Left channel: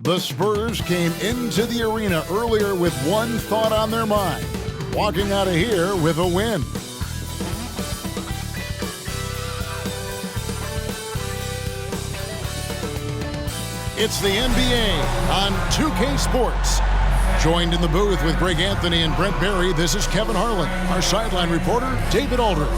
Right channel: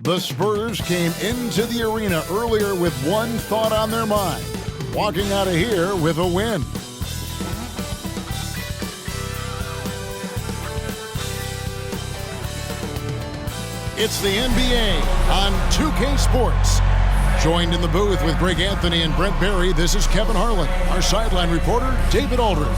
The Spurs came into the arena earlier with one thought on their mind, walking out of here with a win. It's the NBA on 2K Sports. Joined in the booth with Greg Anthony and Brent Barry, this is Kevin Harlan. Our sideline reporter, David Aldridge.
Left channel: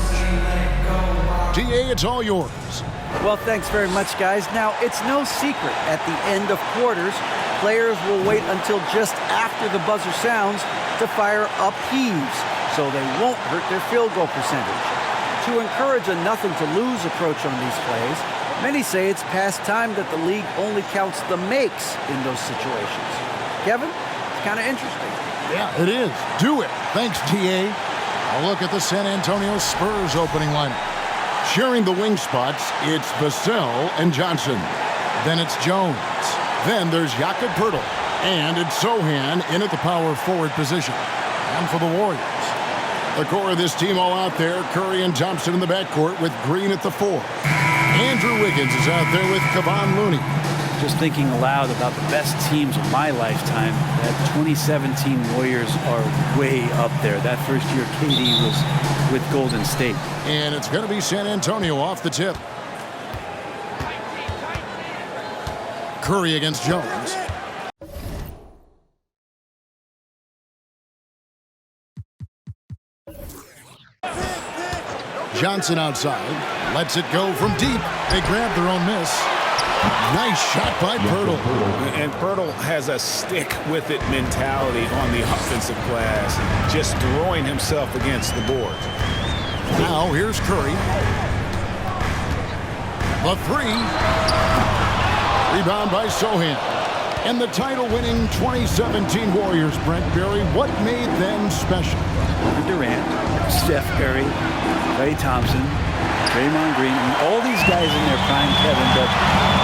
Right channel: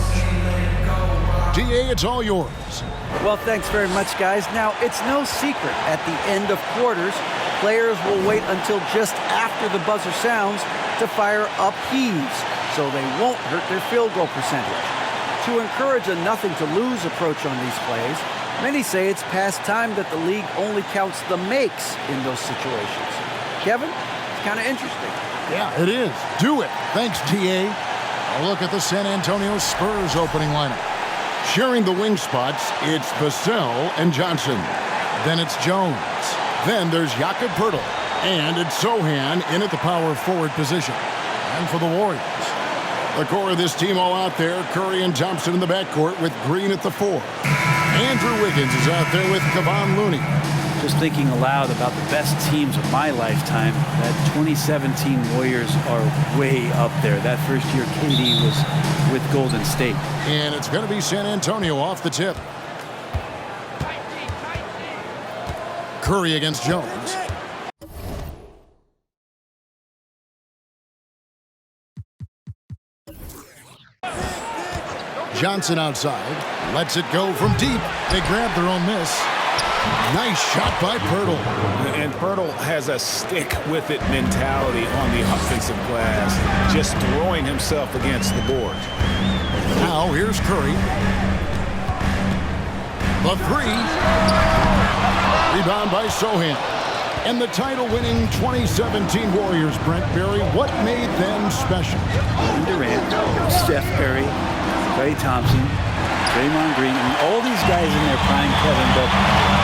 DA, it's all yours. Well, thanks very much, guys. Now, it's no secret at the end of quarters, players will wait until just after the buzzer sounds to fire up heaves, so they won't hurt their field goal percentage. To encourage a nothing-to-lose approach on these plays, many say it's past time that the league only counts the makes in those situations. Kevin, it's kind of interesting. Yeah, it is. Do it. Thanks, TA. A look at the San Antonio Spurs opening lineup. Sharing the wing spots, it's Vassell and Johnson. Then it's Jones. Then there's Jakob Poeltl. And it's Sohan in at the power forward position. And for the Warriors, the core of this team all out there, Curry and Thompson in the backcourt with Green at the 4. Andrew Wiggins is out there with Kevon Looney. Just thinking aloud about the best teams of my lifetime, that 2017 Warriors are way up there. That first year KD was with Golden State. And it's going to be San Antonio off the tip. Curry against Jones. Johnson outside, lets it go from deep. They grab their own miss. Nice shot by Poeltl. And Poeltl has a stick-with-it mentality on the offensive glass, just throwing himself against the board. Now here's Curry. The 3. Rebound by Sohan. And the title-winning 2017 Warriors, Brent Barry, what made them special? Kevin Durant, Steph Curry, Klay Thompson, Draymond Green, all these guys in their prime, Kevin, but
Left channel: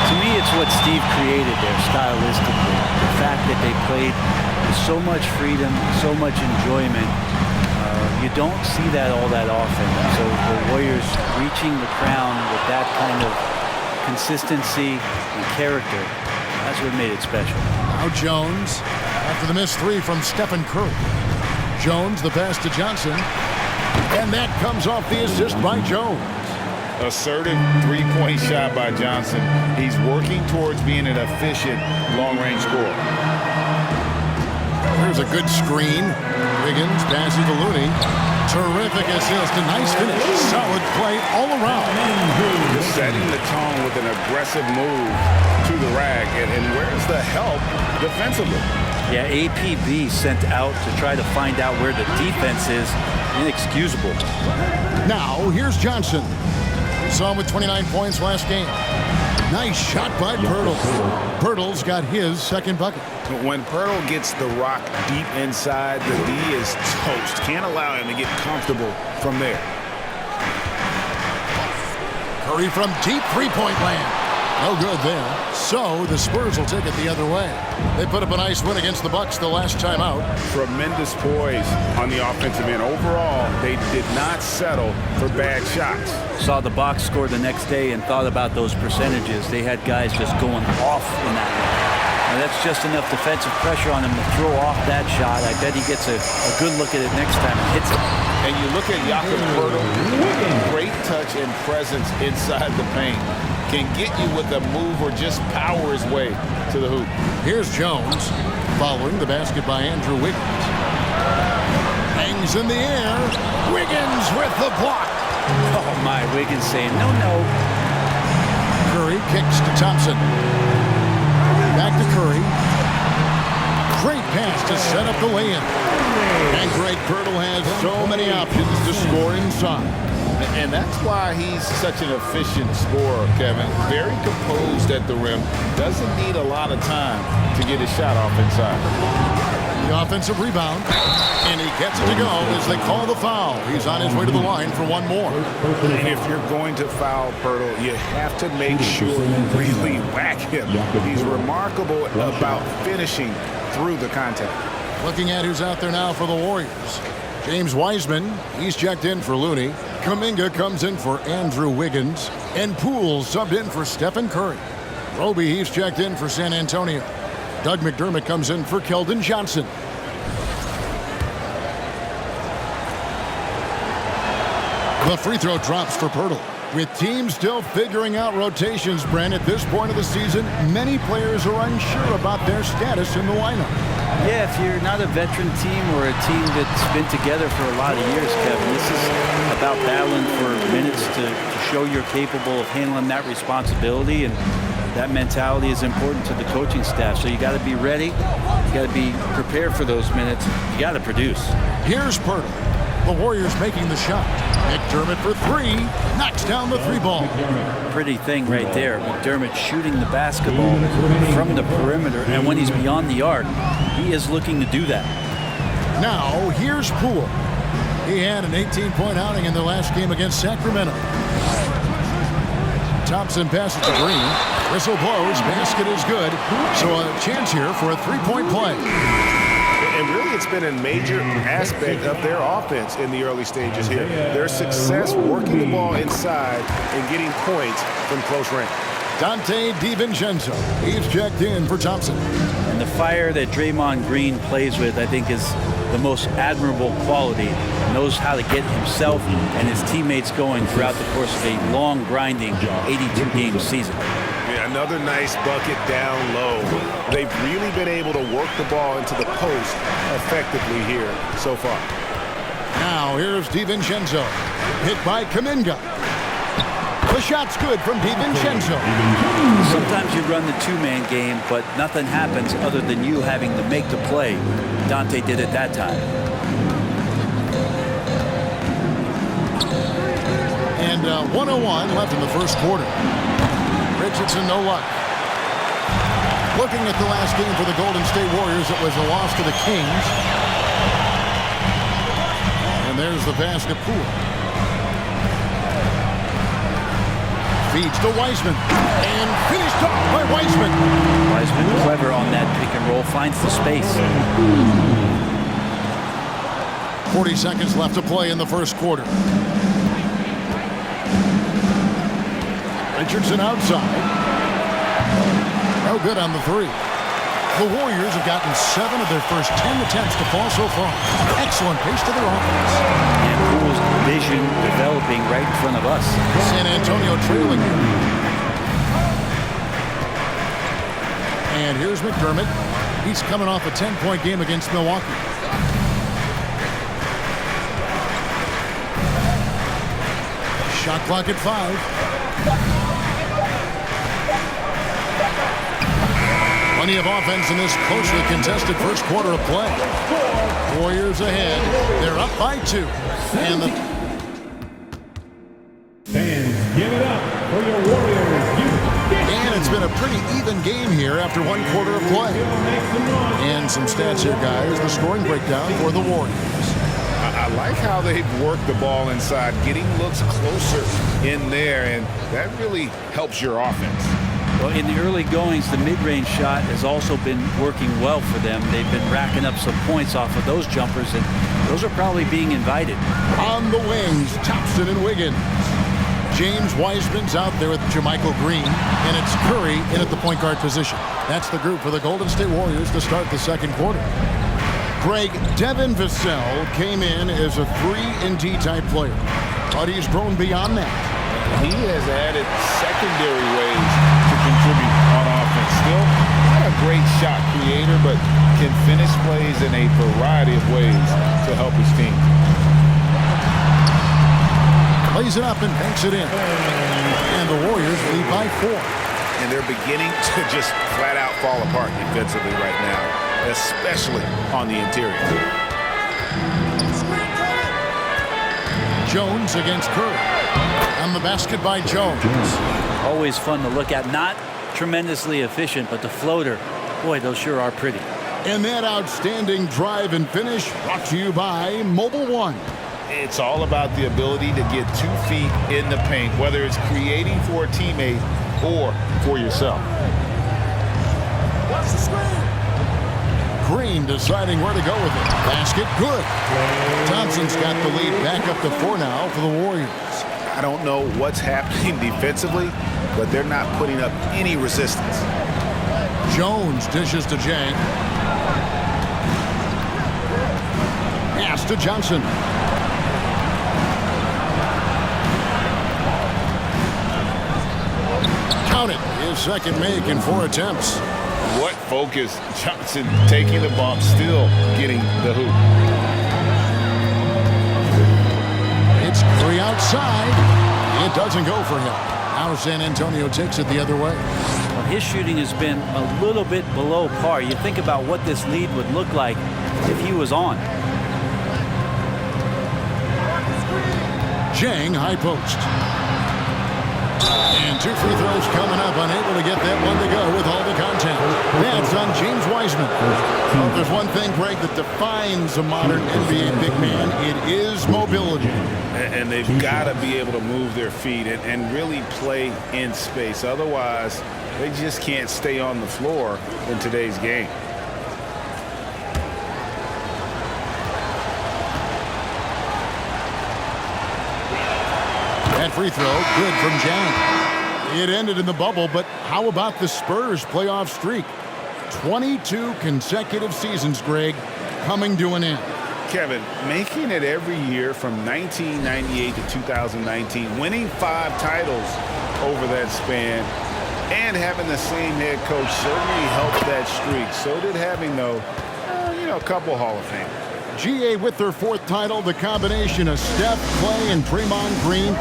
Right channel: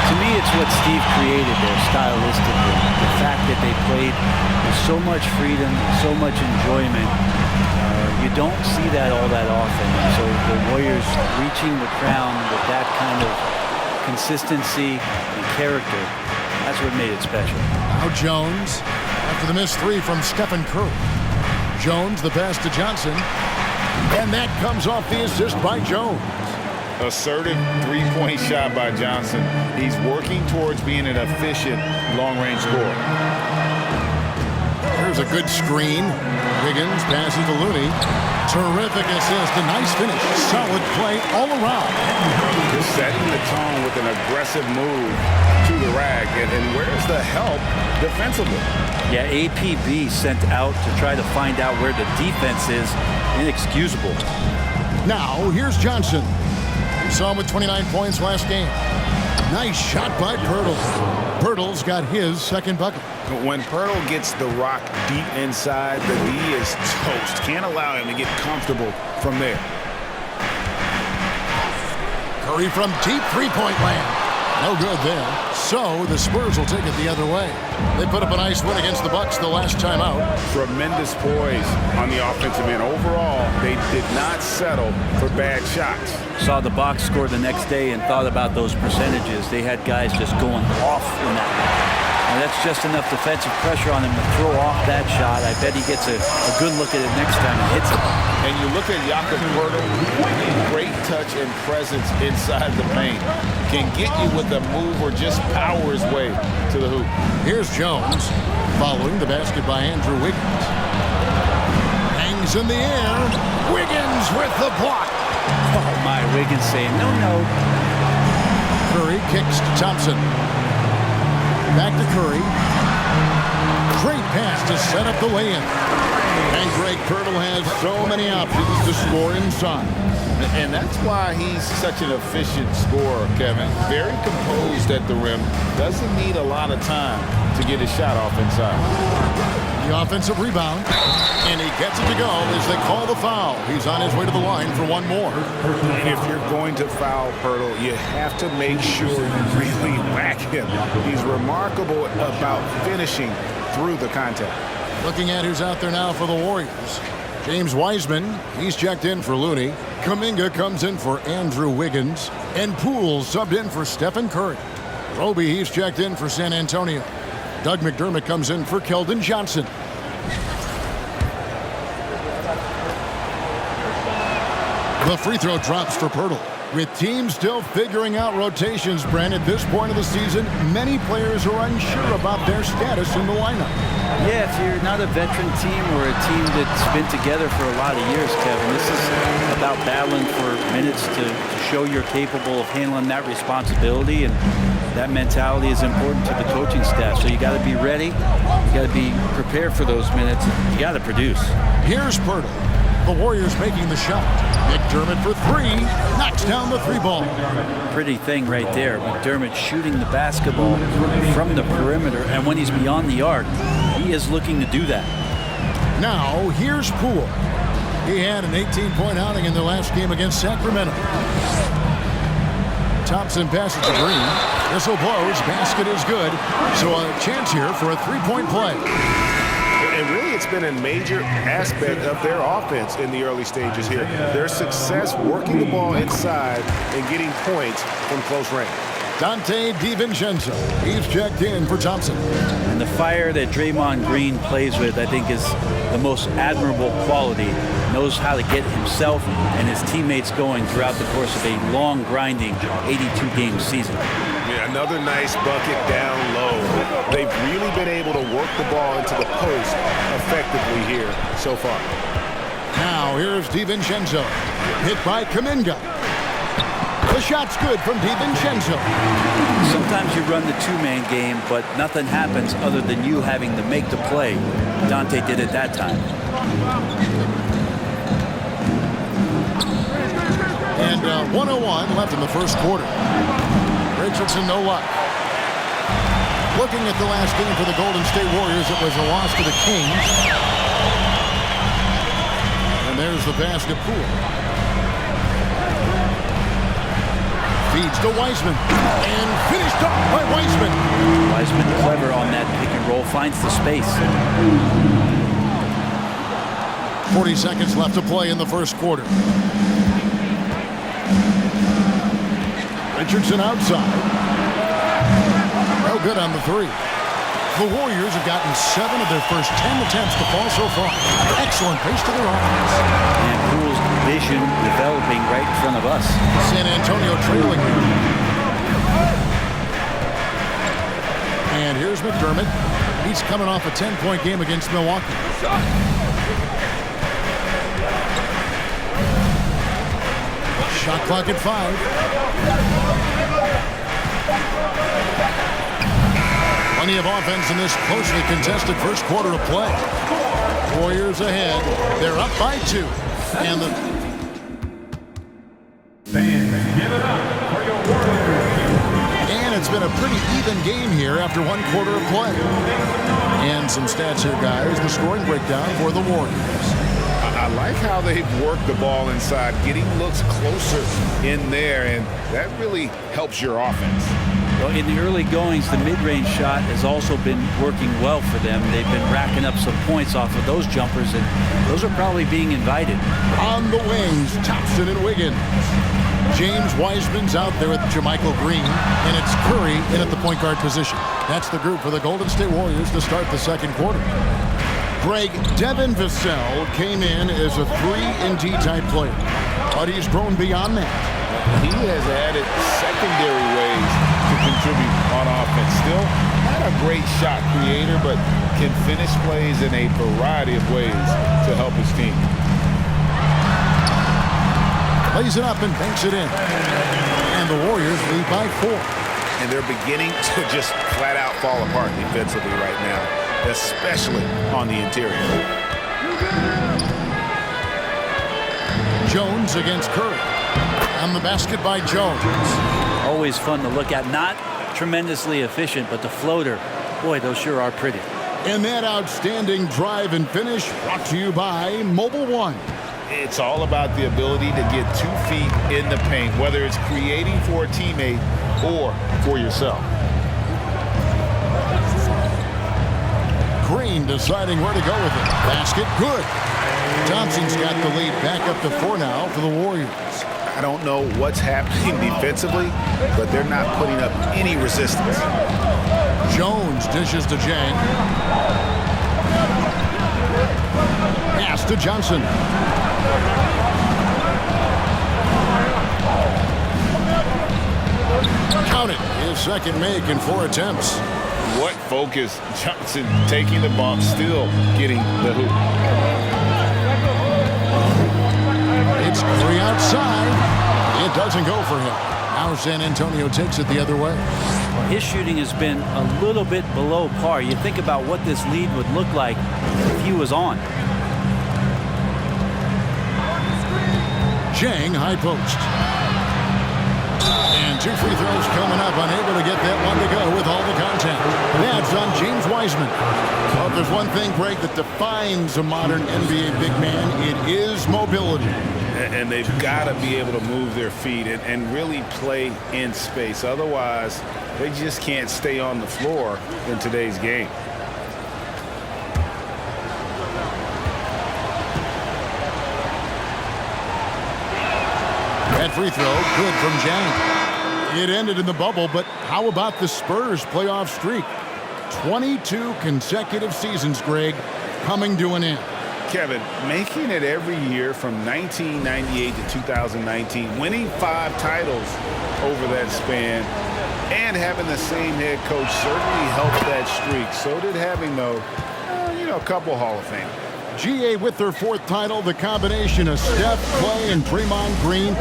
to me it's what Steve created there stylistically. The fact that they played with so much freedom, so much enjoyment. You don't see that all that often. And so the Warriors reaching the crown with that kind of consistency and character, that's what made it special. Now Jones, after the missed 3 from Stephen Curry. Jones, the pass to Johnson. And that comes off the assist by Jones. Assertive three-point shot by Johnson. He's working towards being an efficient long-range scorer. There's a good screen. Wiggins passes to Looney. Terrific assist. A nice finish. Solid play all around. Just setting the tone with an aggressive move to the rack. And where's the help defensively? Yeah, APB sent out to try to find out where the defense is. Inexcusable. Now, here's Johnson. We saw him with 29 points last game. Nice shot by Poeltl. Poeltl's got his second bucket. When Poeltl gets the rock deep inside, the D is toast. Can't allow him to get comfortable from there. Curry from deep three-point land. No good there. So the Spurs will take it the other way. They put up a nice win against the Bucks the last time out. Tremendous poise on the offensive end. Overall, they did not settle for bad shots. Saw the box score the next day and thought about those percentages. They had guys just going off in that one. And that's just enough defensive pressure on him to throw off that shot. I bet he gets a good look at it next time and hits it. And you look at Jakob Poeltl, great touch and presence inside the paint. Can get you with a move or just power his way to the hoop. Here's Jones, following the basket by Andrew Wiggins. Hangs in the air. Wiggins with the block. Oh my, Wiggins saying no, no. Curry kicks to Thompson. Back to Curry. Great pass to set up the lay-in. And Greg Poeltl has so many options to score inside. And that's why he's such an efficient scorer, Kevin. Very composed at the rim. Doesn't need a lot of time to get his shot off inside. The offensive rebound. And he gets it to go as they call the foul. He's on his way to the line for one more. And if you're going to foul Poeltl, you have to make sure you really whack him. He's remarkable about finishing through the contact. Looking at who's out there now for the Warriors. James Wiseman, he's checked in for Looney. Kuminga comes in for Andrew Wiggins. And Poole subbed in for Stephen Curry. Roby, he's checked in for San Antonio. Doug McDermott comes in for Keldon Johnson. The free throw drops for Pirtle. With teams still figuring out rotations, Brent, at this point of the season, many players are unsure about their status in the lineup. Yeah, if you're not a veteran team or a team that's been together for a lot of years, Kevin, this is about battling for minutes to show you're capable of handling that responsibility, and that mentality is important to the coaching staff. So you got to be ready, you got to be prepared for those minutes, you got to produce. Here's Pirtle. The Warriors making the shot. McDermott for three, knocks down the three ball. Pretty thing right there. McDermott shooting the basketball from the perimeter, and when he's beyond the arc, he is looking to do that. Now, here's Poole. He had an 18-point outing in the last game against Sacramento. Thompson passes to Green. Whistle blows, basket is good. So a chance here for a three-point play. And really, it's been a major aspect of their offense in the early stages here. Their success working the ball inside and getting points from close range. Dante DiVincenzo. He's checked in for Thompson. And the fire that Draymond Green plays with, I think, is the most admirable quality. Knows how to get himself and his teammates going throughout the course of a long, grinding 82-game season. Yeah, another nice bucket down low. They've really been able to work the ball into the post effectively here so far. Now here's DiVincenzo. Hit by Kuminga. The shot's good from DiVincenzo. Sometimes you run the two-man game, but nothing happens other than you having to make the play. Dante did it that time. And 1:01 left in the first quarter. Richardson, no luck. Looking at the last game for the Golden State Warriors, it was a loss to the Kings. And there's the pass to Poole. Feeds to Wiseman. And finished off by Wiseman. Wiseman clever on that pick and roll, finds the space. 40 seconds left to play in the first quarter. Richardson outside. No good on the three. The Warriors have gotten 7 of their first 10 attempts to fall so far. Excellent pace to their offense. And Poole's vision developing right in front of us. San Antonio trailing here. And here's McDermott. He's coming off a 10-point game against Milwaukee. Shot clock at 5. Plenty of offense in this closely contested first quarter of play. Warriors ahead. They're up by 2. And the fans, give it up for your Warriors. And it's been a pretty even game here after 1 quarter of play. And some stats here, guys. The scoring breakdown for the Warriors. I like how they've worked the ball inside, getting looks closer in there, and that really helps your offense. Well, in the early goings, the mid-range shot has also been working well for them. They've been racking up some points off of those jumpers, and those are probably being invited. On the wings, Thompson and Wiggins. James Wiseman's out there with Jermichael Green, and it's Curry in at the point guard position. That's the group for the Golden State Warriors to start the second quarter. Greg Devin Vassell came in as a 3-and-D type player, but he's grown beyond that. He has added secondary ways to contribute on offense. Still not a great shot creator, but can finish plays in a variety of ways to help his team. Lays it up and banks it in. And the Warriors lead by 4. And they're beginning to just flat out fall apart defensively right now, especially on the interior. Jones against Curry. On the basket by Jones. Always fun to look at. Not tremendously efficient, but the floater, boy, those sure are pretty. And that outstanding drive and finish brought to you by Mobile One. It's all about the ability to get 2 feet in the paint, whether it's creating for a teammate or for yourself. Green deciding where to go with it. Basket, good. Thompson's got the lead back up to 4 now for the Warriors. I don't know what's happening defensively, but they're not putting up any resistance. Jones dishes to Jang. Pass to Johnson. Count it. His second make in 4 attempts. What focus. Johnson taking the bump, still getting the hoop. It's Curry outside. It doesn't go for him. Now San Antonio takes it the other way. Well, his shooting has been a little bit below par. You think about what this lead would look like if he was on. Jang, high post. And 2 free throws coming up. Unable to get that one to go with all the contact. That's on James Wiseman. Well, if there's one thing, Greg, that defines a modern NBA big man, it is mobility. And they've got to be able to move their feet and really play in space. Otherwise, they just can't stay on the floor in today's game. That free throw, good from Jang. It ended in the bubble, but how about the Spurs playoff streak? 22 consecutive seasons, Greg, coming to an end. Kevin, making it every year from 1998 to 2019, winning 5 titles over that span, and having the same head coach certainly helped that streak. So did having, though, a couple Hall of Fame. GA with their 4th title, the combination of Steph, Clay, and Draymond Green,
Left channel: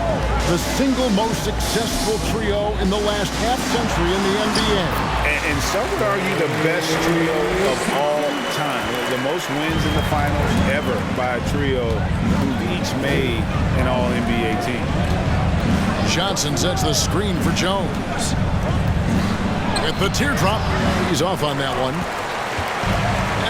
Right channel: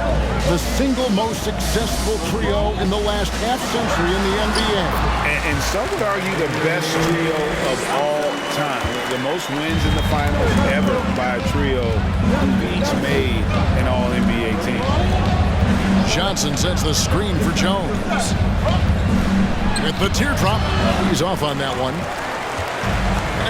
the single most successful trio in the last half-century in the NBA. And some would argue the best trio of all time. The most wins in the finals ever by a trio who've each made an All-NBA team. Johnson sets the screen for Jones. With the teardrop, he's off on that one.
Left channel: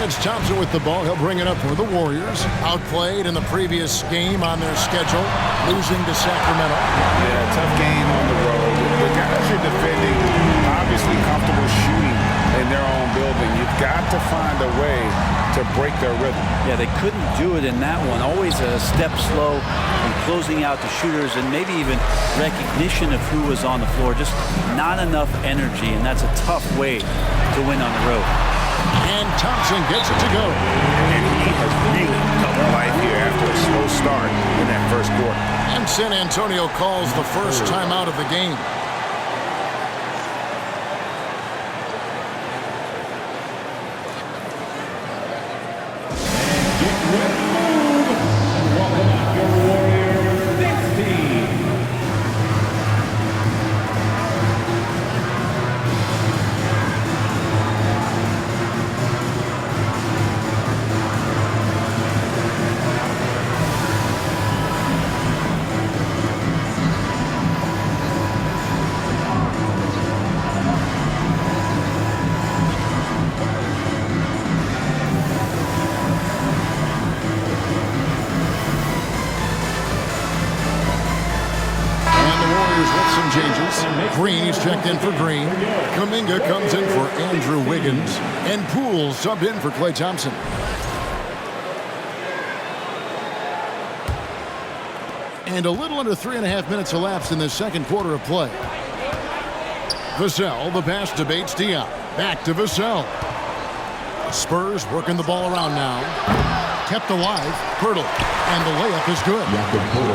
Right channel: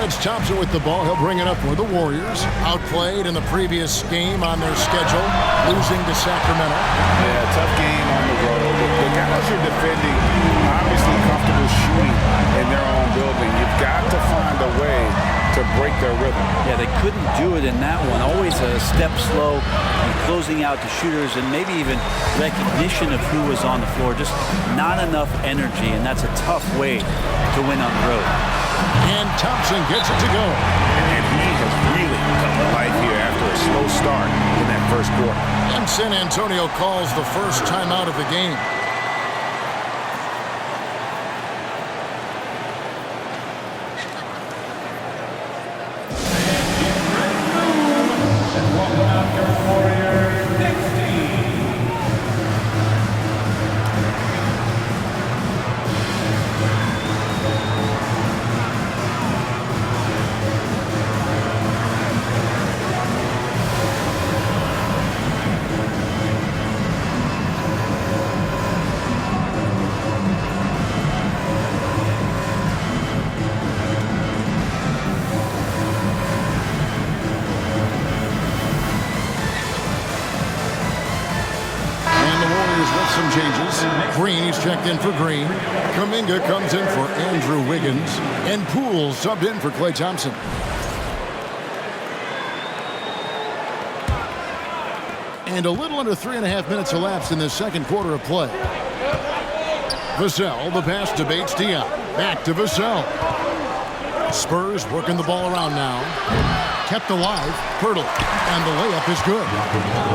It's Thompson with the ball. He'll bring it up for the Warriors. Outplayed in the previous game on their schedule, losing to Sacramento. Yeah, tough game on the road. The guys are defending, obviously comfortable shooting in their own building. You've got to find a way to break their rhythm. Yeah, they couldn't do it in that one. Always a step slow in closing out the shooters and maybe even recognition of who was on the floor. Just not enough energy, and that's a tough way to win on the road. And Thompson gets it to go. And he has really come to life here after a slow start in that first quarter. And San Antonio calls the first timeout of the game. Get ready to move. And welcome out your Warriors next team. With some changes. Green is checked in for Green. Kuminga comes in for Andrew Wiggins. And Poole subbed in for Klay Thompson. And a little under 3.5 minutes elapsed in the second quarter of play. Vassell, the pass to Bates Diop. Back to Vassell. Spurs working the ball around now. Kept alive. Pirtle. And the layup is good.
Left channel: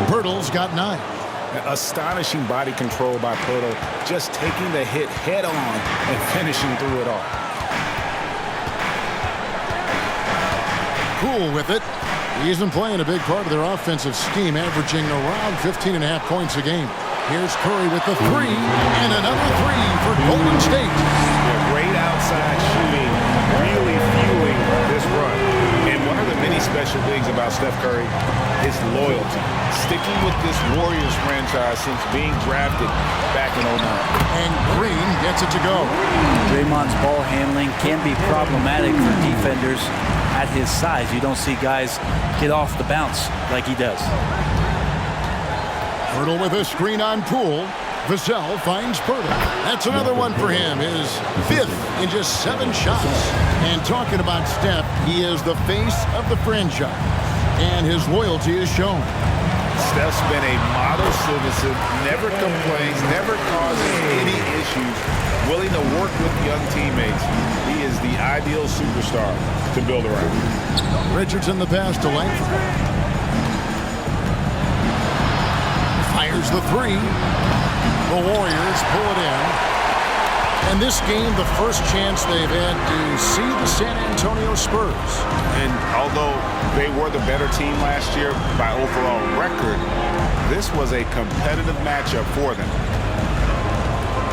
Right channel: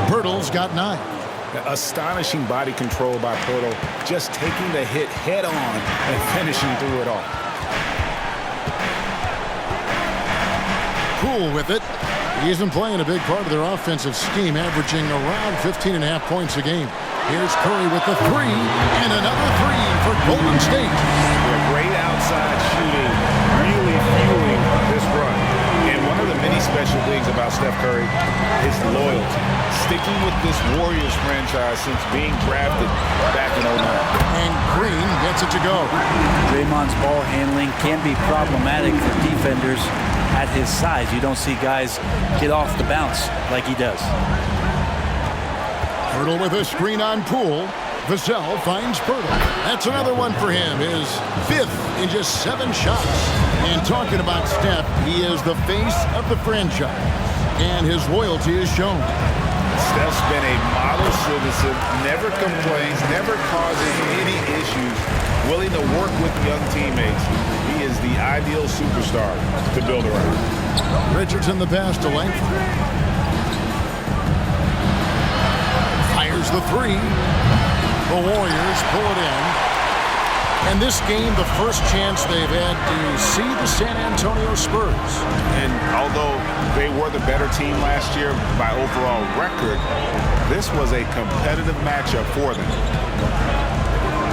Pirtle's got 9. Astonishing body control by Pirtle, just taking the hit head on and finishing through it all. Poole with it. He isn't playing a big part of their offensive scheme, averaging around 15.5 points a game. Here's Curry with the 3, and another 3 for Golden State. Yeah, great outside shooting, really fueling this run. And one of the many special things about Steph Curry, his loyalty. Sticking with this Warriors franchise since being drafted back in 09. And Green gets it to go. Draymond's ball handling can be problematic for defenders at his size. You don't see guys get off the bounce like he does. Pirtle with a screen on Poole. Vassell finds Pirtle. That's another one for him. His 5th in just 7 shots. And talking about Steph, he is the face of the franchise. And his loyalty is shown. Steph's been a model citizen, never complains, never causes any issues willing to work with young teammates. He is the ideal superstar to build around. Richardson the pass to Langford. Fires the three. The Warriors pull it in. And this game, the first chance they've had to see the San Antonio Spurs. And although they were the better team last year by overall record, this was a competitive matchup for them.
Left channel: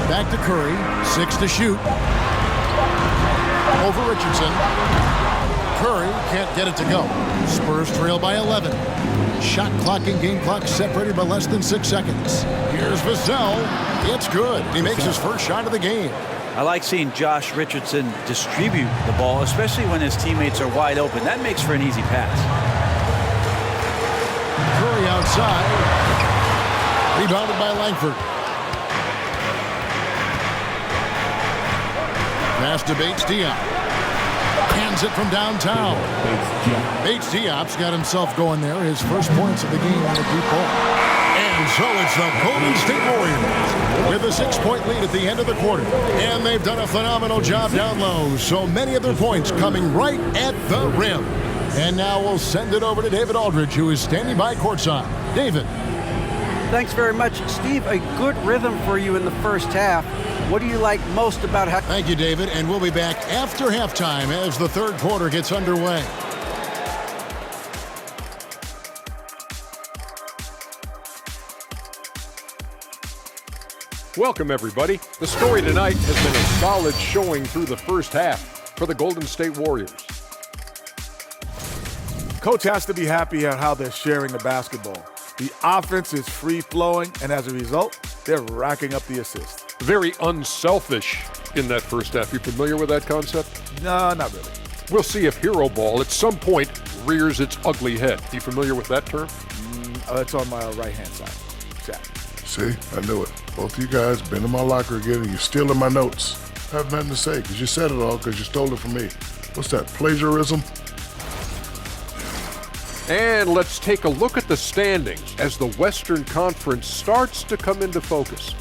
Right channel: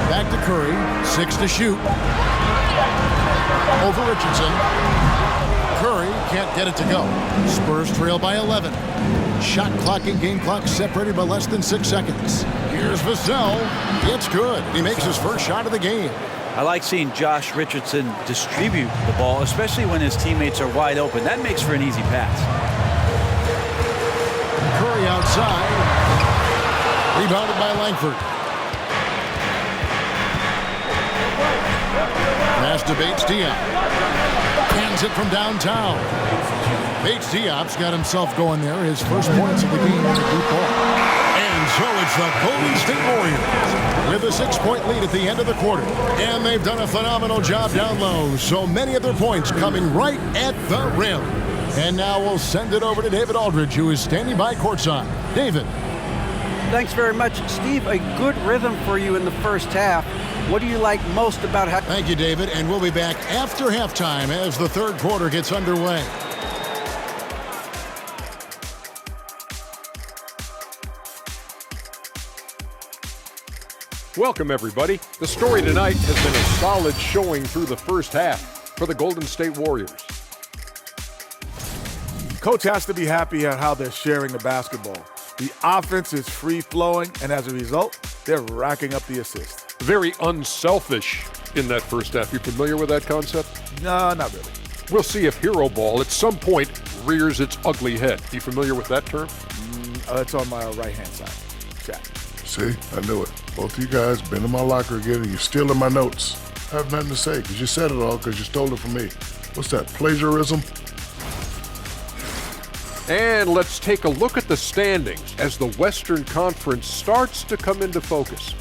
Back to Curry, 6 to shoot. Over Richardson. Curry can't get it to go. Spurs trail by 11. Shot clock and game clock separated by less than 6 seconds. Here's Vassell. It's good. He makes his first shot of the game. I like seeing Josh Richardson distribute the ball, especially when his teammates are wide open. That makes for an easy pass. Curry outside. Rebounded by Langford. Pass to Bates-Diop. Hands it from downtown. Bates-Diop's got himself going there. His first points of the game on the deep ball. And so it's the Golden State Warriors with a 6-point lead at the end of the quarter. And they've done a phenomenal job down low. So many of their points coming right at the rim. And now we'll send it over to David Aldridge, who is standing by courtside. David. Thanks very much, Steve. A good rhythm for you in the first half. What do you like most about how... Thank you, David. And we'll be back after halftime as the third quarter gets underway. Welcome, everybody. The story tonight has been a solid showing through the first half for the Golden State Warriors. Coach has to be happy at how they're sharing the basketball. The offense is free-flowing, and as a result, they're racking up the assists. Very unselfish in that first half. You familiar with that concept? No, not really. We'll see if hero ball at some point rears its ugly head. You familiar with that term? It's on my right-hand side. Chat. See, I knew it. Both of you guys been in my locker again and you're stealing my notes. I have nothing to say because you said it all because you stole it from me. What's that, plagiarism? And let's take a look at the standings as the Western Conference starts to come into focus.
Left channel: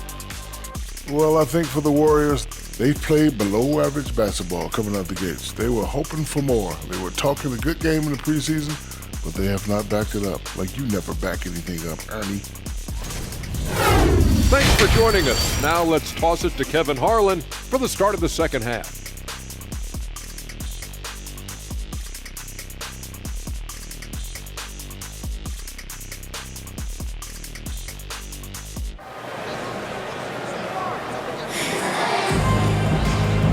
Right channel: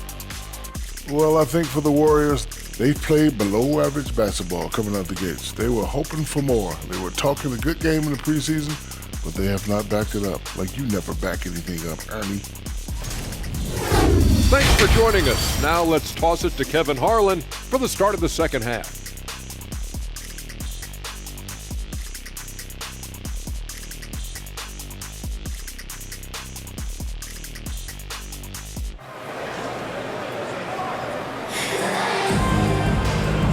Well, I think for the Warriors, they've played below average basketball coming out the gates. They were hoping for more. They were talking a good game in the preseason, but they have not backed it up. Like you never back anything up, Ernie. Thanks for joining us. Now let's toss it to Kevin Harlan for the start of the second half.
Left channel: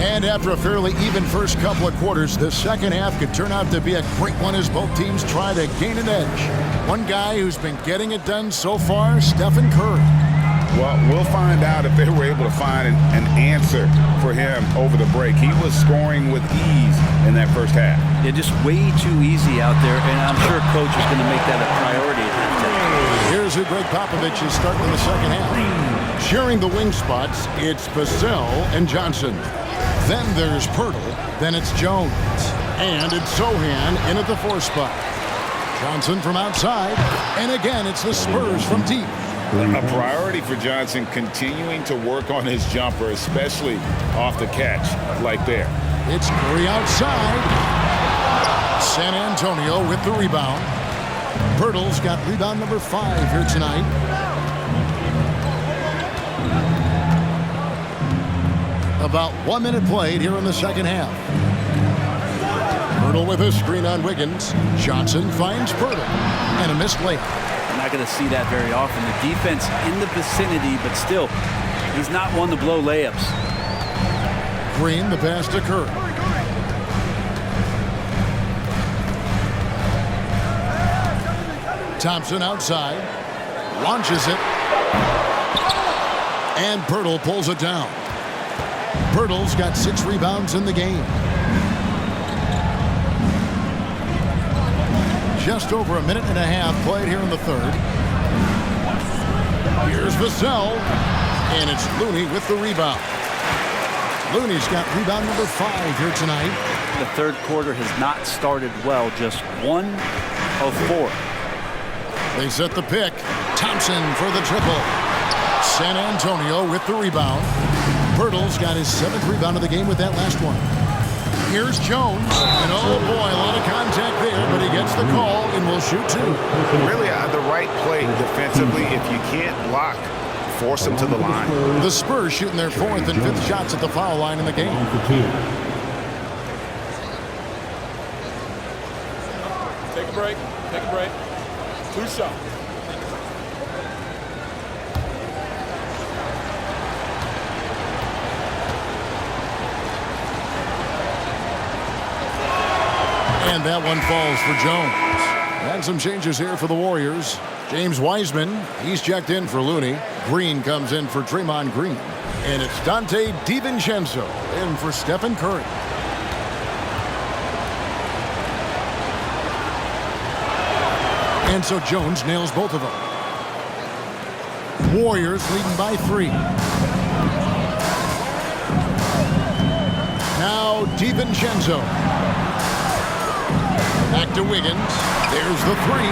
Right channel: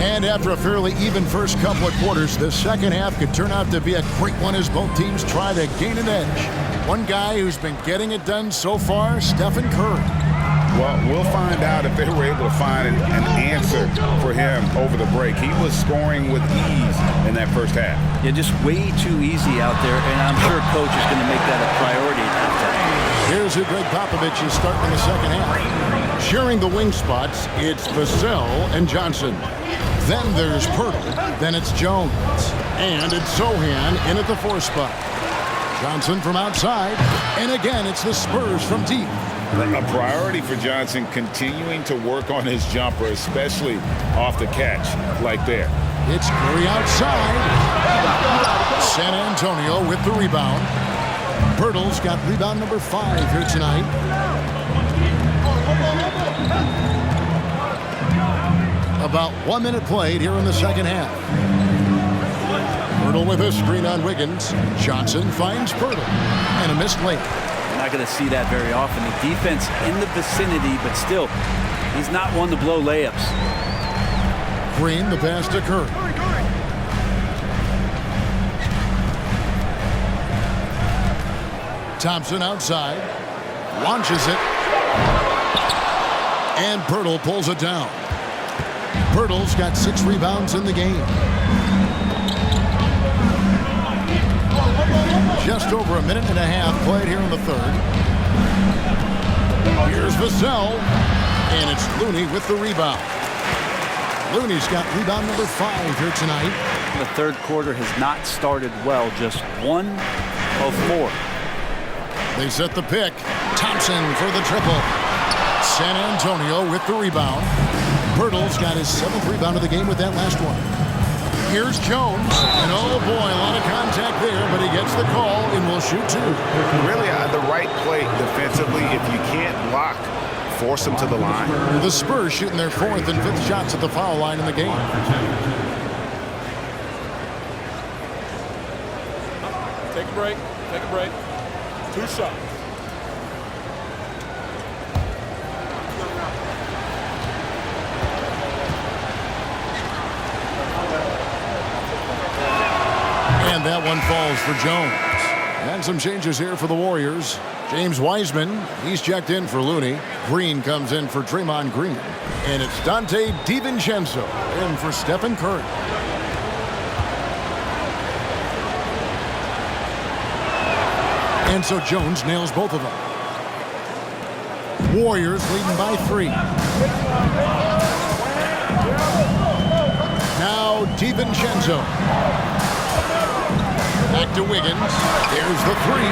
And after a fairly even first couple of quarters, the second half could turn out to be a great one as both teams try to gain an edge. One guy who's been getting it done so far, Stephen Curry. Well, we'll find out if they were able to find an answer for him over the break. He was scoring with ease in that first half. Yeah, just way too easy out there, and I'm sure Coach is going to make that a priority at halftime. Here's who Greg Popovich is starting in the second half. Sharing the wing spots, it's Vassell and Johnson. Then there's Pirtle, then it's Jones. And it's Sohan in at the 4 spot. Johnson from outside, and again it's the Spurs from deep. A priority for Johnson continuing to work on his jumper, especially off the catch like there. It's Curry outside. San Antonio with the rebound. Pirtle's got rebound number 5 here tonight. About 1 minute played here in the second half. Pirtle with a screen on Wiggins. Johnson finds Pirtle. And a missed layup. Not going to see that very often. The defense in the vicinity, but still, he's not one to blow layups. Green, the pass to Curry. Thompson outside. Launches it. And Pirtle pulls it down. Pirtle's got 6 rebounds in the game. Just over a minute and a half played here in the third. Here's Vassell, and it's Looney with the rebound. Looney's got rebound number 5 here tonight. The third quarter has not started well, just 1 of 4. They set the pick. Thompson for the triple. San Antonio with the rebound. Pirtle's got his 7th rebound of the game with that last one. Here's Jones, and oh boy, a lot of contact there, but he gets the call and will shoot 2. Really the right play defensively. If you can't block, force them to the line. The Spurs shooting their 4th and 5th shots at the foul line in the game. Take a break. Take a break. 2 shots. And that one falls for Jones. And some changes here for the Warriors. James Wiseman, he's checked in for Looney. Green comes in for Draymond Green. And it's Dante DiVincenzo in for Stephen Curry. And so Jones nails both of them. Warriors leading by 3. Now DiVincenzo. Back to Wiggins. There's the 3.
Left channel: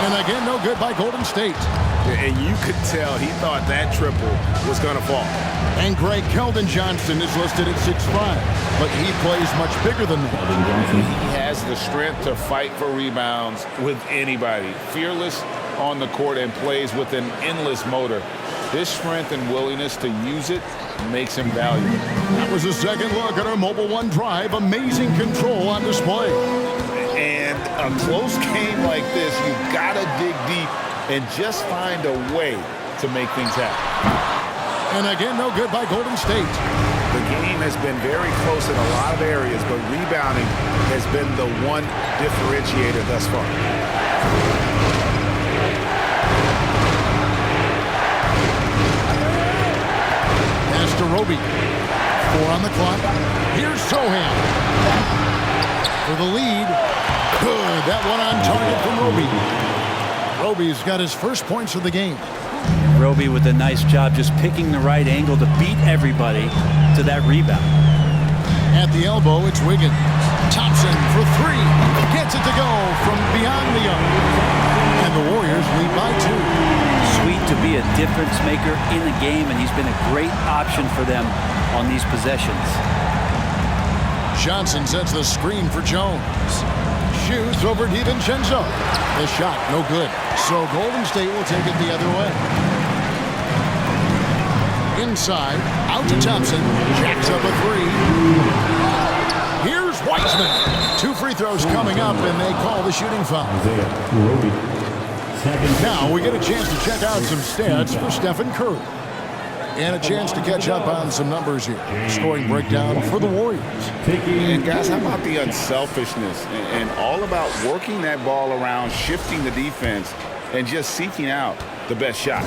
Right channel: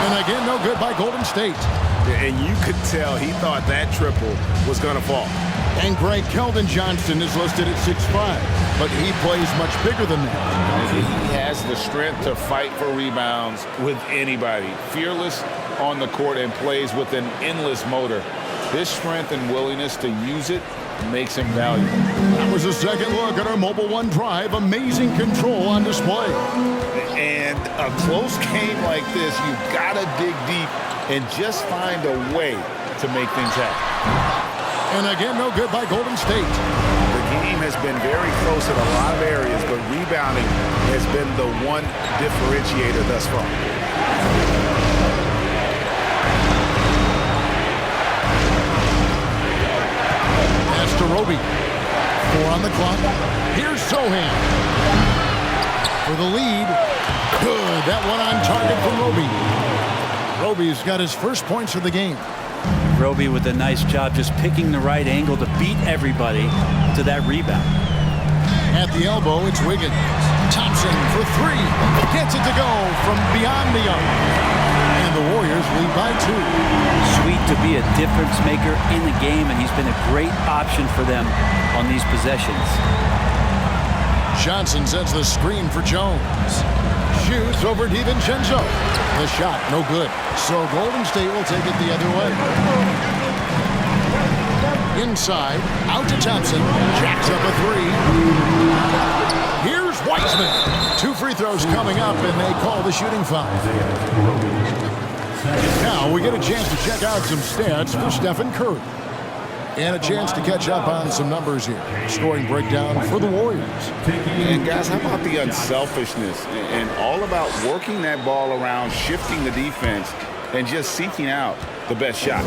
And again, no good by Golden State. And you could tell he thought that triple was going to fall. And Greg Keldon Johnson is listed at 6'5", but he plays much bigger than that. He has the strength to fight for rebounds with anybody. Fearless on the court and plays with an endless motor. His strength and willingness to use it makes him valuable. That was a second look at our Mobile One Drive. Amazing control on display. And a close game like this, you've got to dig deep and just find a way to make things happen. And again, no good by Golden State. The game has been very close in a lot of areas, but rebounding has been the one differentiator thus far. Pass to Roby. 4 on the clock. Here's Sohan. For the lead. Good. That one on target from Roby. Roby's got his first points of the game. Roby with a nice job just picking the right angle to beat everybody to that rebound. At the elbow, it's Wiggins. Thompson for 3. Gets it to go from beyond the arc. And the Warriors lead by 2. Sweet to be a difference maker in the game, and he's been a great option for them on these possessions. Johnson sets the screen for Jones. Shoots over DiVincenzo. The shot, no good. So Golden State will take it the other way. Inside, out to Thompson. Jacks up a 3. Here's Wiseman. 2 free throws coming up, and they call the shooting foul. Now we get a chance to check out some stats for Stephen Curry. And a chance to catch up on some numbers here. Scoring breakdown for the Warriors. And guys, how about the unselfishness and all about working that ball around, shifting the defense, and just seeking out the best shot.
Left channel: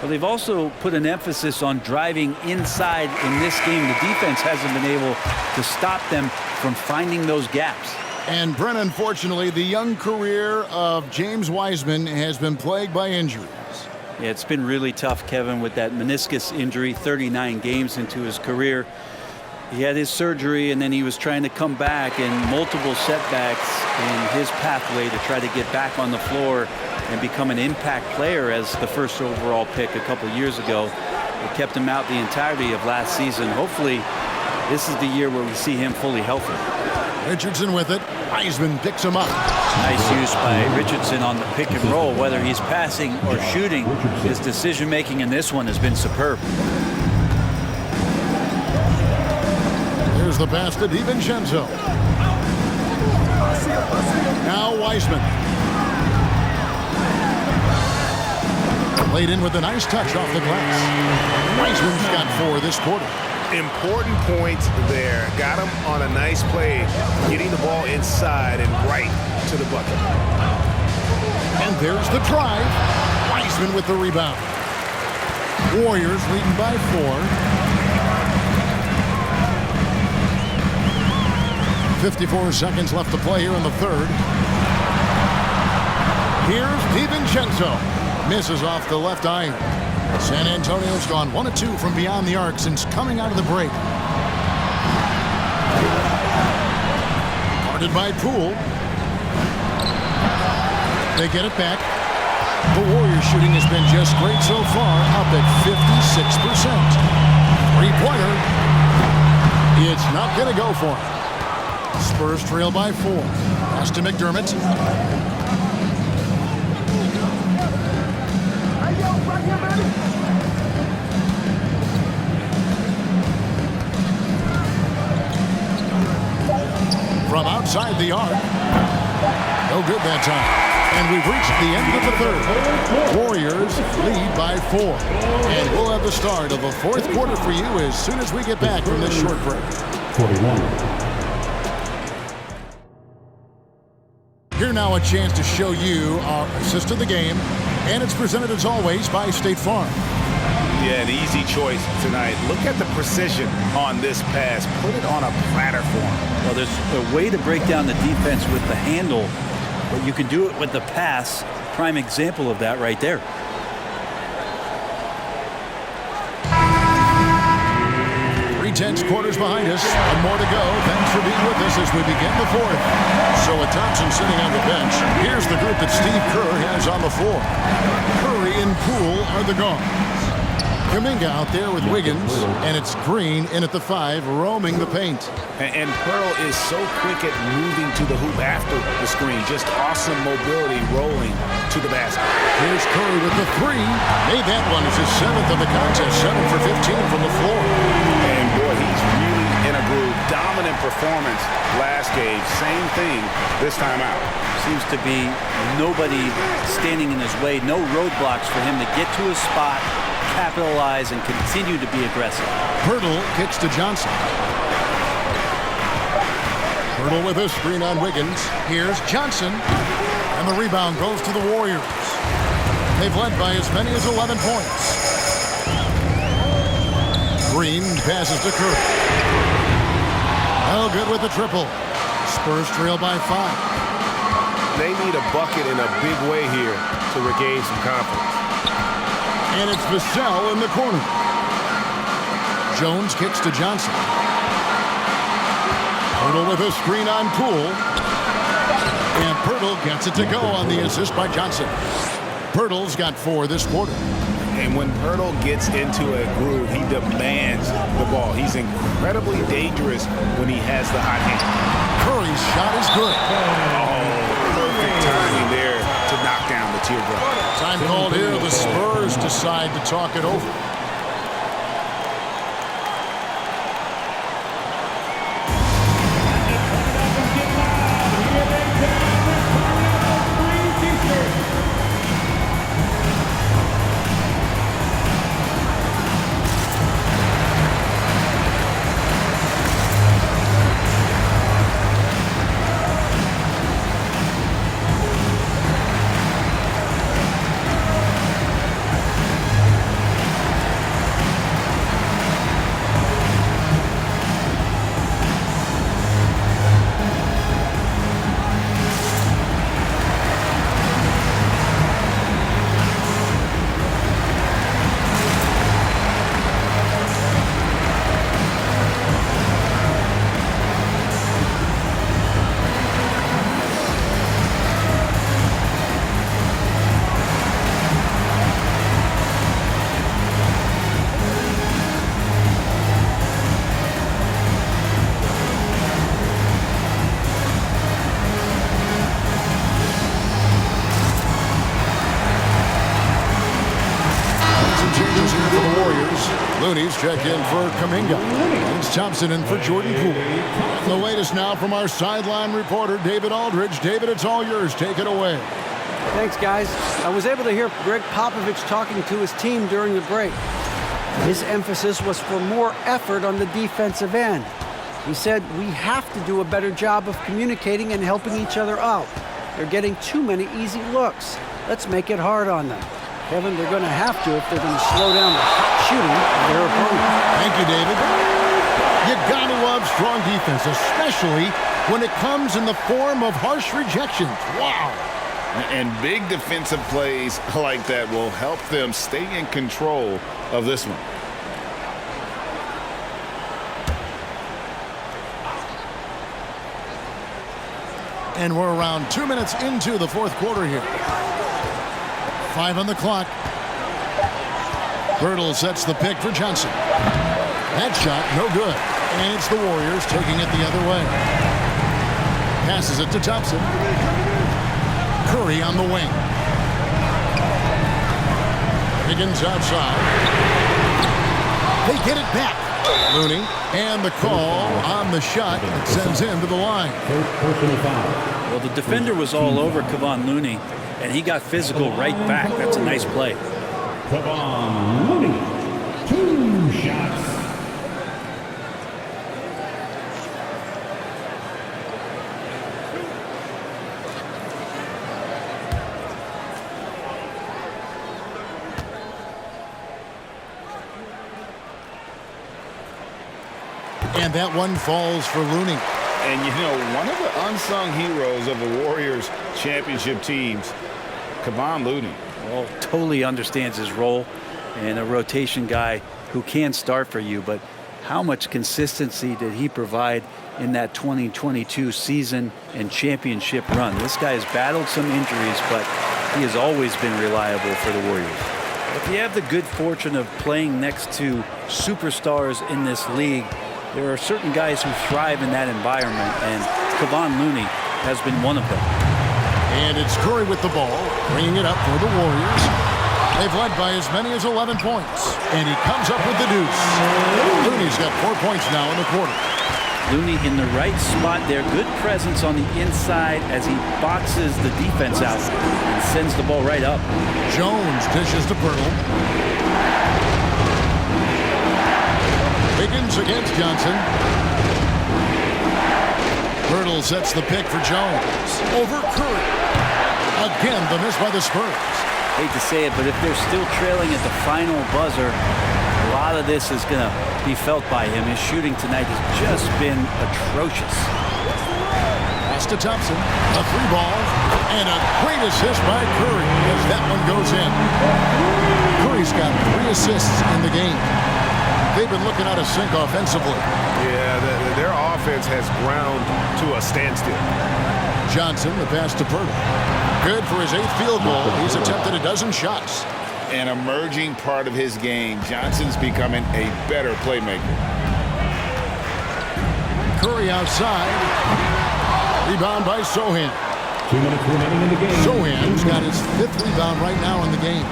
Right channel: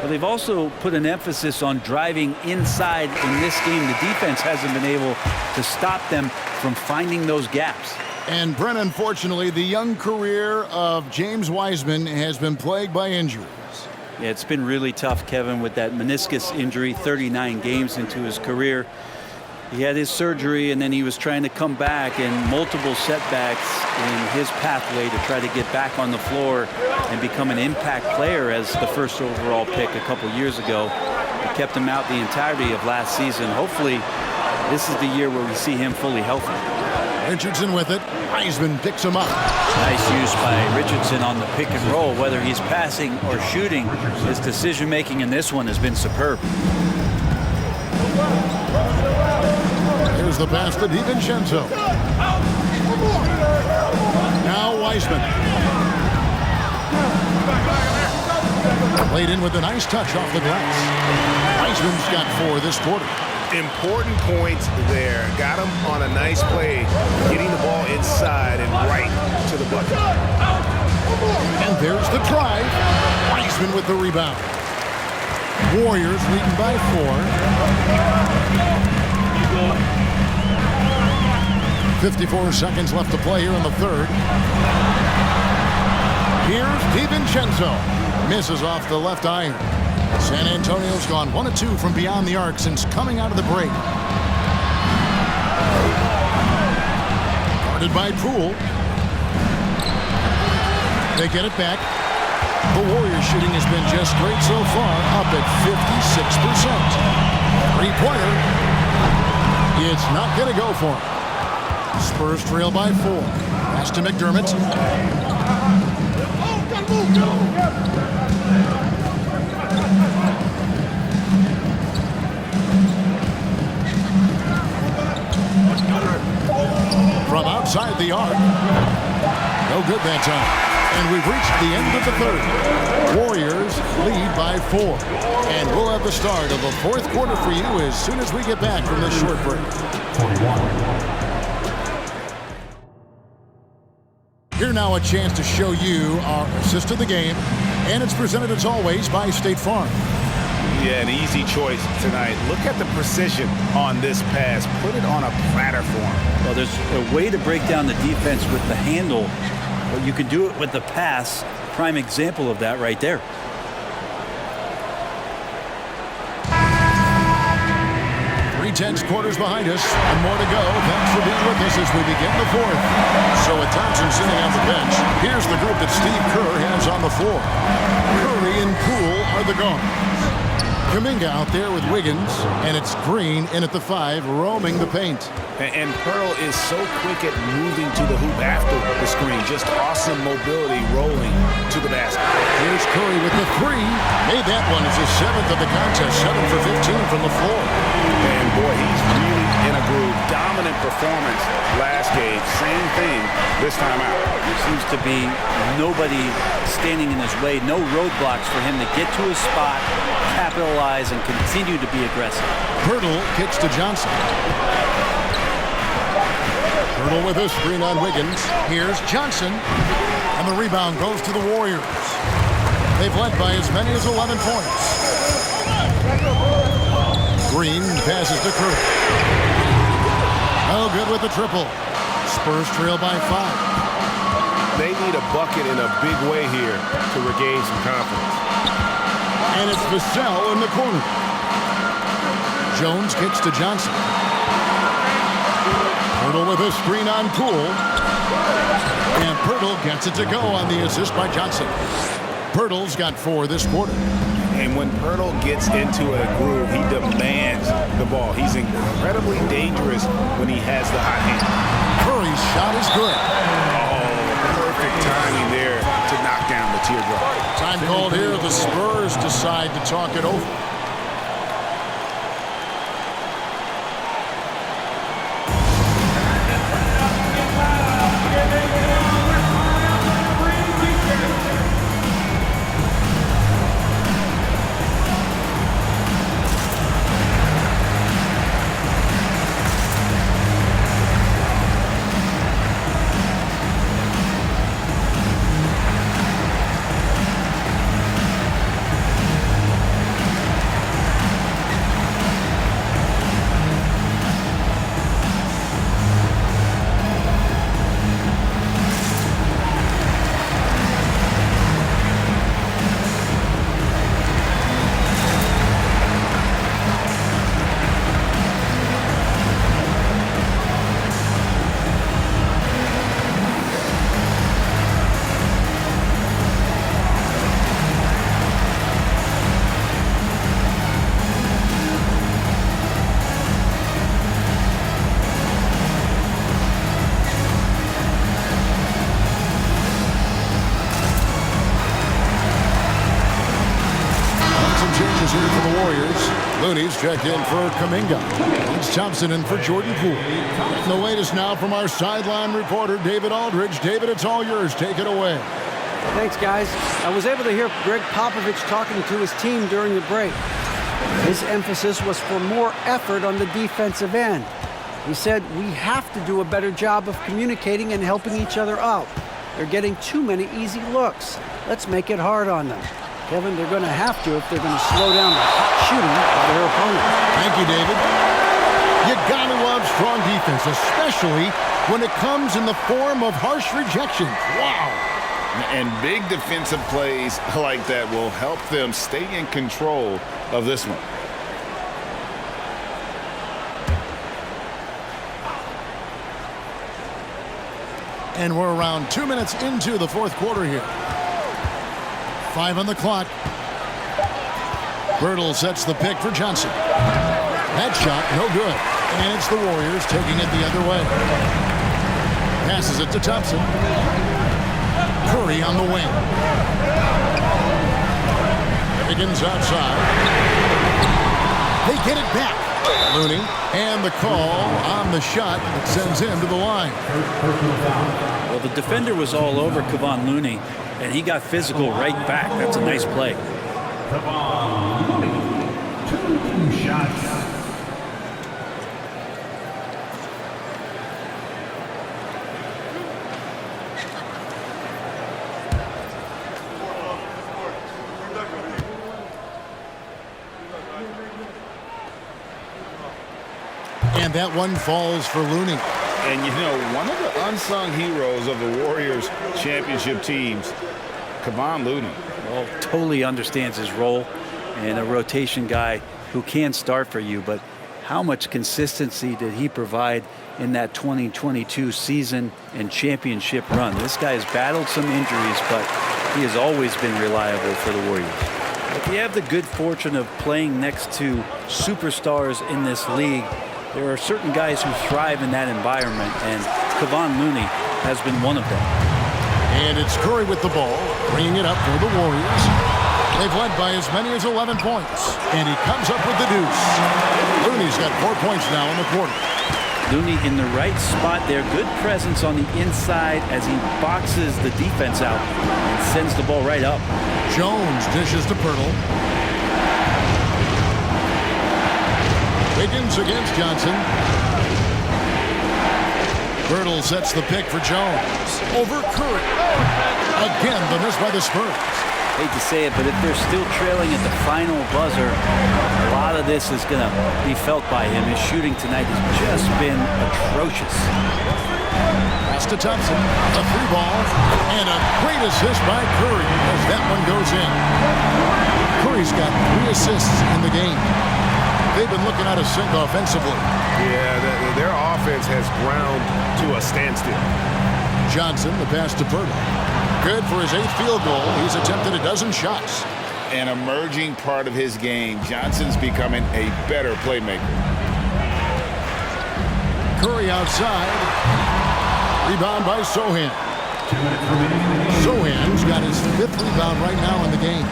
Well, they've also put an emphasis on driving inside in this game. The defense hasn't been able to stop them from finding those gaps. And Brent, unfortunately, the young career of James Wiseman has been plagued by injuries. Yeah, it's been really tough, Kevin, with that meniscus injury, 39 games into his career. He had his surgery, and then he was trying to come back, and multiple setbacks in his pathway to try to get back on the floor and become an impact player as the first overall pick a couple years ago. It kept him out the entirety of last season. Hopefully, this is the year where we see him fully healthy. Richardson with it. Wiseman picks him up. Nice use by Richardson on the pick and roll. Whether he's passing or shooting, his decision-making in this one has been superb. Here's the pass to DiVincenzo. Now Wiseman. Laid in with a nice touch off the glass. Wiseman's got 4 this quarter. Important points there. Got him on a nice play, getting the ball inside and right to the bucket. And there's the drive. Wiseman with the rebound. Warriors leading by 4. 54 seconds left to play here in the third. Here's DiVincenzo. Misses off the left iron. San Antonio's gone 1 of 2 from beyond the arc since coming out of the break. Guarded by Poole. They get it back. The Warriors shooting has been just great so far, up at 56%. Three-pointer. It's not going to go for him. Spurs trail by 4. Pass to McDermott. From outside the arc. No good that time. And we've reached the end of the third. Warriors lead by 4. And we'll have the start of the fourth quarter for you as soon as we get back from this short break. 41. Here now a chance to show you our assist of the game. And it's presented as always by State Farm. Yeah, an easy choice tonight. Look at the precision on this pass. Put it on a platter for him. Well, there's a way to break down the defense with the handle, but you can do it with the pass. Prime example of that right there. Tense quarters behind us. One more to go. Thanks for being with us as we begin the fourth. So with Thompson sitting on the bench, here's the group that Steve Kerr has on the floor. Curry and Poole are the guards. Kuminga out there with Wiggins, and it's Green in at the 5, roaming the paint. And Pearl is so quick at moving to the hoop after the screen. Just awesome mobility rolling to the basket. Here's Curry with the 3. Made that one as his 7th of the contest. 7 for 15 from the floor. And boy, he's really in a groove. Dominant performance last game. Same thing this time out. Seems to be nobody standing in his way. No roadblocks for him to get to his spot, capitalize, and continue to be aggressive. Pirtle kicks to Johnson. Pirtle with a screen on Wiggins. Here's Johnson. And the rebound goes to the Warriors. They've led by as many as 11 points. Green passes to Curry. No good with the triple. Spurs trail by 5. They need a bucket in a big way here to regain some confidence. And it's Vassell in the corner. Jones kicks to Johnson. Pirtle with a screen on Poole. And Pirtle gets it to go on the assist by Johnson. Pirtle's got 4 this quarter. And when Pirtle gets into a groove, he demands the ball. He's incredibly dangerous when he has the hot hand. Curry's shot is good. Oh, perfect timing there to knock down the teardrop. Time called here. The Spurs decide to talk it over. Changes here for the Warriors. Looney's checked in for Kuminga. And it's Thompson in for Jordan Poole. Getting the latest now from our sideline reporter, David Aldridge. David, it's all yours. Take it away. Thanks, guys. I was able to hear Greg Popovich talking to his team during the break. His emphasis was for more effort on the defensive end. He said, we have to do a better job of communicating and helping each other out. They're getting too many easy looks. Let's make it hard on them. Kevin, they're going to have to if they're going to slow down the hot shooting of their opponent. Thank you, David. You got to love strong defense, especially when it comes in the form of harsh rejections. Wow. And big defensive plays like that will help them stay in control of this one. And we're around 2 minutes into the fourth quarter here. 5 on the clock. Birtle sets the pick for Johnson. That shot, no good. And it's the Warriors taking it the other way. Passes it to Thompson. Curry on the wing. Higgins outside. They get it back. Looney. And the call on the shot that sends him to the line. Personal foul. Well, the defender was all over Kevon Looney, and he got physical right back. That's a nice play. Kevon Looney, 2 shots. And that one falls for Looney. And, you know, one of the unsung heroes of the Warriors championship teams, Kevon Looney. Well, totally understands his role and a rotation guy who can start for you. But how much consistency did he provide in that 2022 season and championship run? This guy has battled some injuries, but he has always been reliable for the Warriors. If you have the good fortune of playing next to superstars in this league, there are certain guys who thrive in that environment, and Kevon Looney has been one of them. And it's Curry with the ball, bringing it up for the Warriors. They've led by as many as 11 points, and he comes up with the deuce. Looney's got 4 points now in the quarter. Looney in the right spot there. Good presence on the inside as he boxes the defense out and sends the ball right up. Jones dishes to Pirtle. Wiggins against Johnson. Pirtle sets the pick for Jones. Over Curry. Again, the miss by the Spurs. Hate to say it, but if they're still trailing at the final buzzer, a lot of this is going to be felt by him. His shooting tonight has just been atrocious. Pass to Thompson. A 3-ball. And a great assist by Curry as that one goes in. Curry's got 3 assists in the game. They've been looking out of sync offensively. Yeah, their offense has ground to a standstill. Johnson, the pass to Pirtle. Good for his 8th field goal. He's attempted a dozen shots. An emerging part of his game. Johnson's becoming a better playmaker. Curry outside. Rebound by Sohan. 2 minutes remaining in the game. Sohan's got his 5th rebound right now in the game.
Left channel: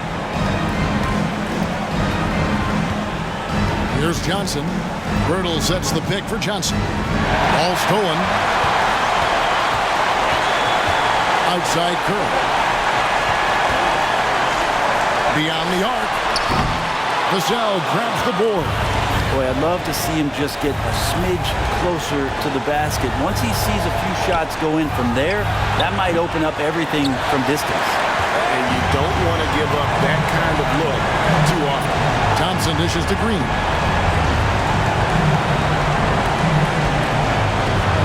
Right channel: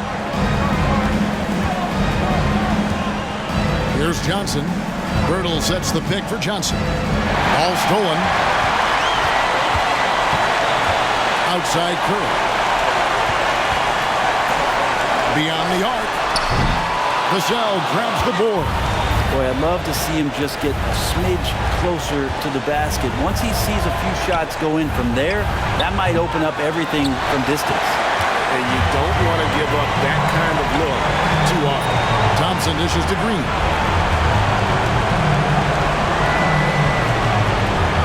Here's Johnson. Pirtle sets the pick for Johnson. Ball stolen. Outside Curry. Beyond the arc. Vassell grabs the board. Boy, I'd love to see him just get a smidge closer to the basket. Once he sees a few shots go in from there, that might open up everything from distance. And you don't want to give up that kind of look too often. Thompson dishes to Green.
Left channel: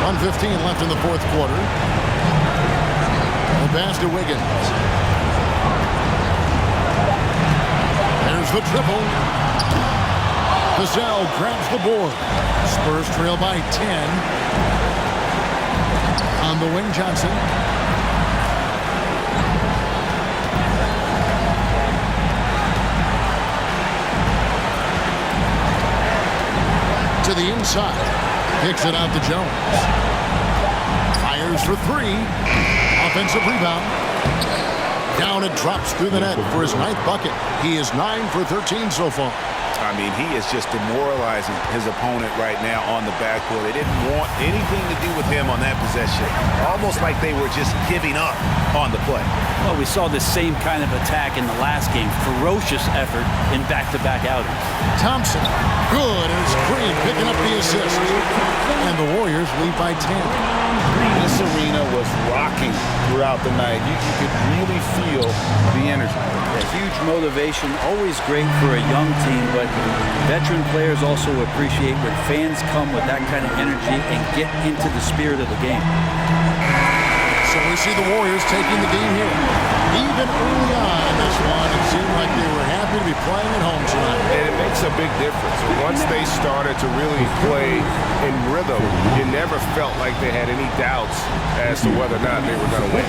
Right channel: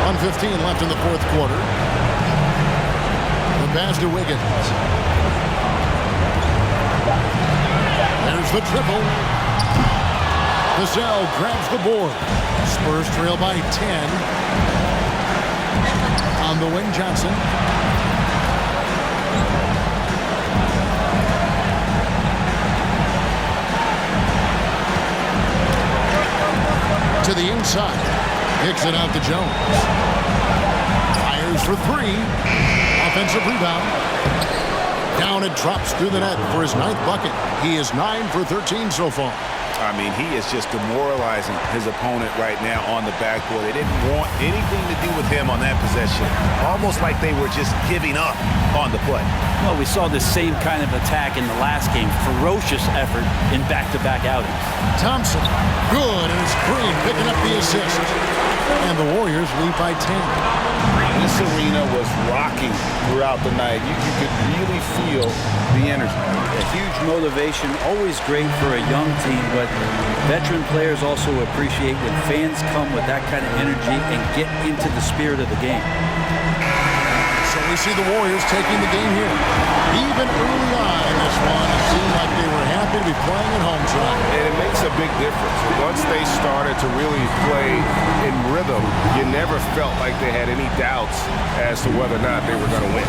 1:15 left in the 4th quarter. The pass to Wiggins. There's the triple. Vassell grabs the board. Spurs trail by 10. On the wing, Johnson. To the inside. Kicks it out to Jones. Fires for 3. Offensive rebound. Down it drops through the net for his 9th bucket. He is 9 for 13 so far. I mean, he is just demoralizing his opponent right now on the backboard. They didn't want anything to do with him on that possession. Almost like they were just giving up on the play. Well, we saw this same kind of attack in the last game. Ferocious effort in back-to-back outings. Thompson, good, and it's Green picking up the assist. And the Warriors lead by 10. This arena was rocking throughout the night. You could really feel the energy. A huge motivation, always great for a young team, but veteran players also appreciate when fans come with that kind of energy and get into the spirit of the game. So we see the Warriors taking the game here. Even early on in this one, it seemed like they were happy to be playing at home tonight. And it makes a big difference. Once they started to really play in rhythm, you never felt like they had any doubts as to whether or not they were going to win.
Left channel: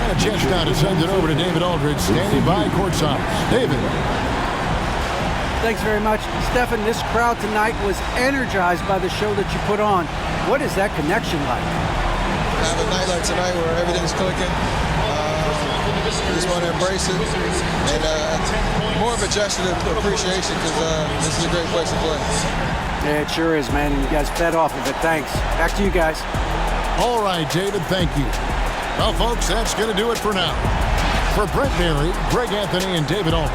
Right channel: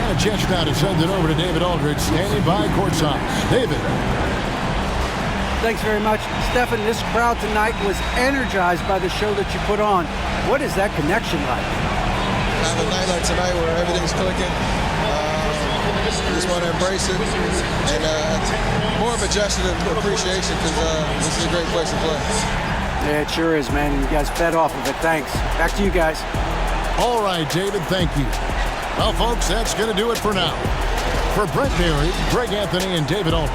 And a chance now to send it over to David Aldridge, standing by courtside. David. Thanks very much. Stephen, this crowd tonight was energized by the show that you put on. What is that connection like? Have a night like tonight where everything's clicking. Just want to embrace it. And more of a gesture of appreciation because this is a great place to play. Yeah, it sure is, man. You guys fed off of it. Thanks. Back to you guys. All right, David, thank you. Well, folks, that's going to do it for now. For Brent Berry, Greg Anthony, and David Ulrich,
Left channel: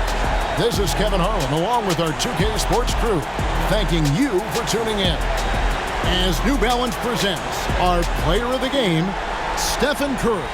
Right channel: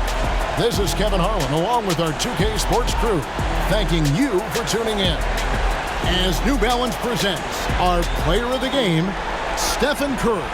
this is Kevin Harlan, along with our 2K Sports crew, thanking you for tuning in. As New Balance presents our player of the game, Stephen Curry.